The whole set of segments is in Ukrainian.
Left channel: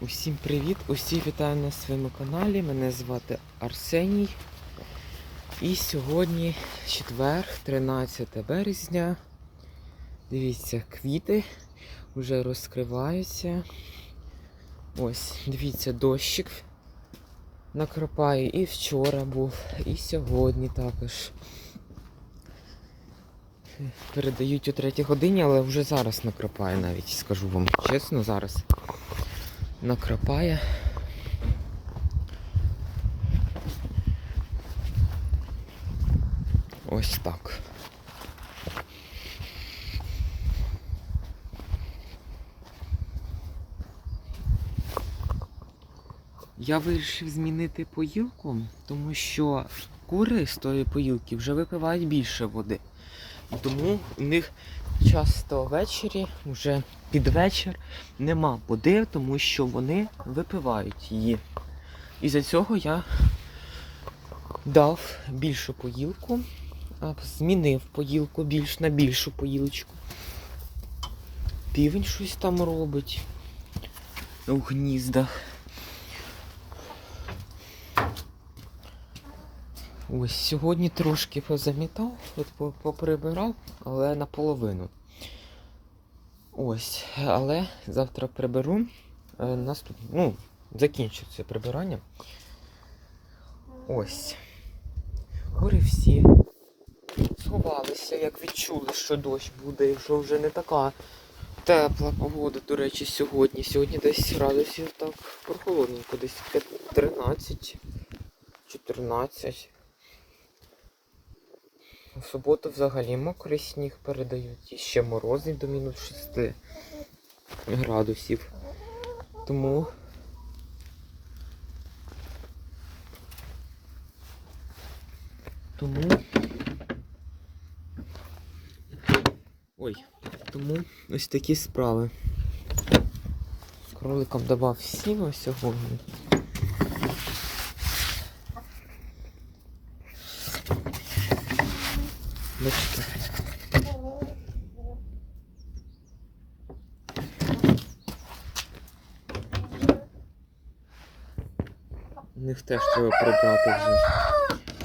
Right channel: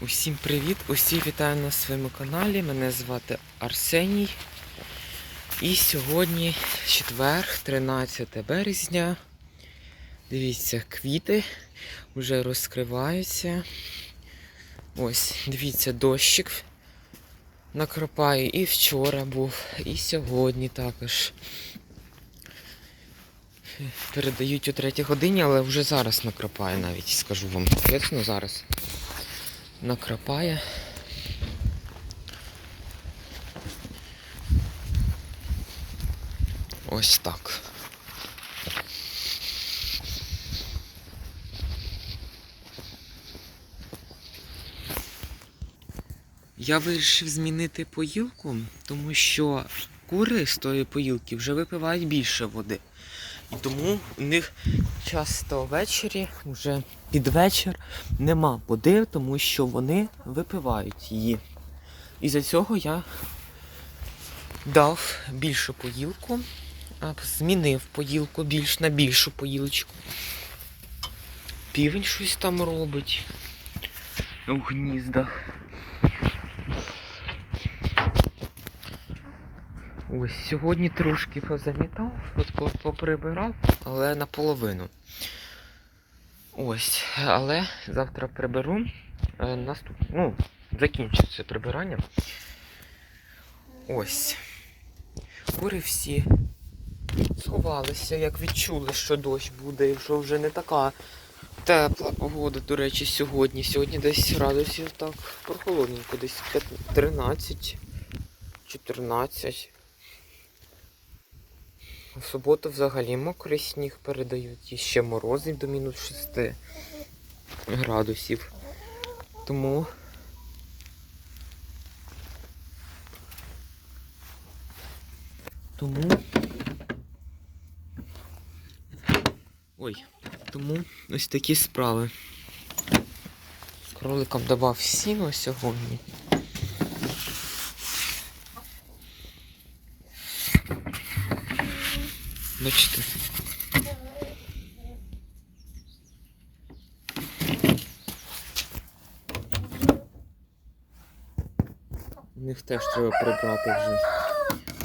Усім привіт! Усі вітаю на своєму каналі. Мене звати Арсеній. І сьогодні четвер, 13 березня. Дивіться, квіти вже розкриваються. Ось, дивіться, дощик накрапає. І вчора був, і сьогодні також. Передають о 3 годині, але вже зараз накрапає навіть, скажу вам чесно, зараз накрапає. Ось так. Я вирішив змінити поїлку, тому що кури з тої поїлки вже випивають більше води. І тому у них часто ввечері, вже під вечір, нема води, тому що вони випивають її. І за цього я дав більшу поїлку, змінив поїлку більш на більшу поїлочку. Півень щось там робить у гніздах. Ось сьогодні трошки позамітав, от поприбирав, але наполовину. Ось, але завтра приберу. Е, наступ... Ну, закінчиться прибирання. Ось. Кури всі сховалися, як відчули, що дощ буде, і що вже не така тепла погода, до речі, сьогодні. Сьогодні десь градусів так прохолодненько, десь 13, 14. У суботу взагалі мокрий сніг передають і ще морози до мінус 6 градусів. Тому тому ой, тому ось такі справи. Кроликам давав сіно сьогодні. Бачите? У них теж треба прибрати вже.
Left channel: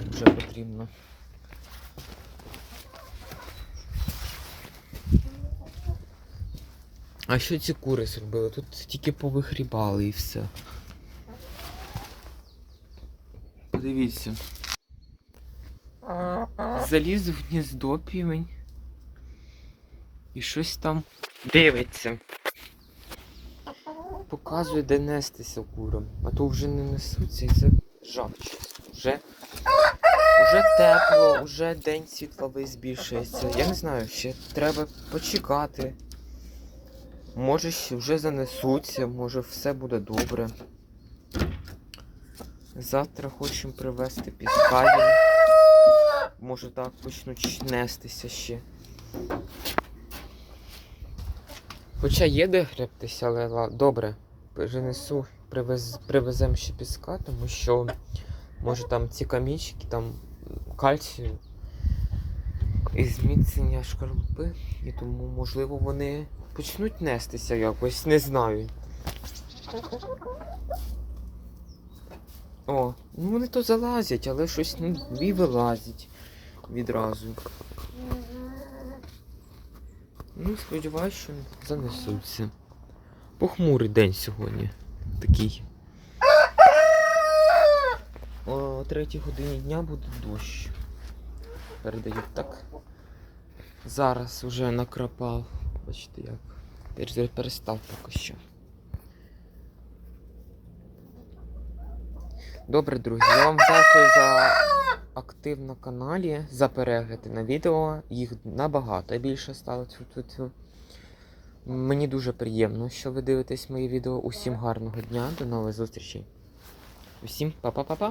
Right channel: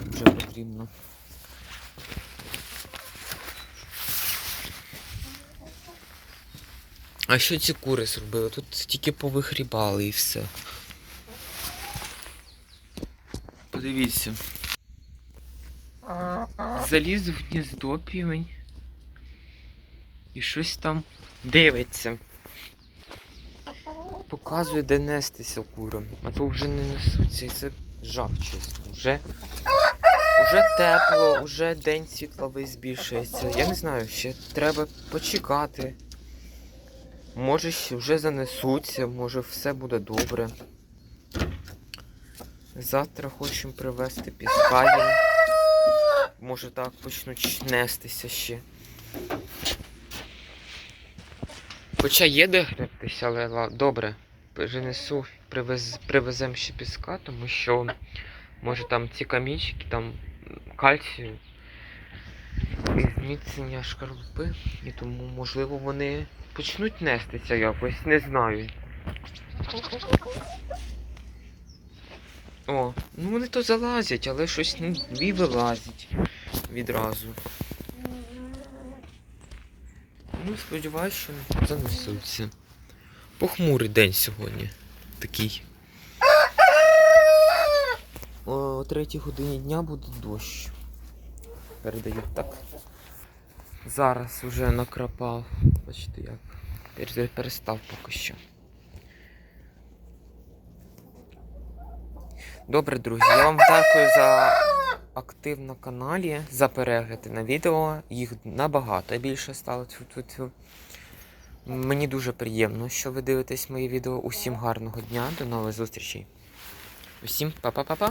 Вже потрібно. А що ці кури зробили? Тут тільки повихрібали і все. Подивіться. Заліз в гніздо півень. І щось там дивиться. Показує, де нестися курам. А то вже не несуться і це жах, чесно. Вже, вже тепло, вже день світловий збільшується. Я не знаю, ще треба почекати. Може ще вже занесуться, може все буде добре. Завтра хочемо привезти піска їм. Може так почнуть нестися ще. Хоча є де гребтися, але добре. Перенесу, привез, привеземо ще піска, тому що може там ці камінчики, там кальцію і зміцнення шкарлупи. І тому, можливо, вони почнуть нестися якось, не знаю. О, ну вони то залазять, але щось ну, і вилазять відразу. Ну, сподіваюся, що занесуться. Похмурий день сьогодні. Такий. О третій годині дня буде дощ. Передають так. Зараз вже накрапав. Бачите як. Пере- Перестав поки що. Добре, друзі, я вам дякую за актив на каналі, за перегляди на відео. Їх набагато більше стало. Мені дуже приємно, що ви дивитесь мої відео. Усім гарного дня, до нових зустрічей. Усім па-па-па-па.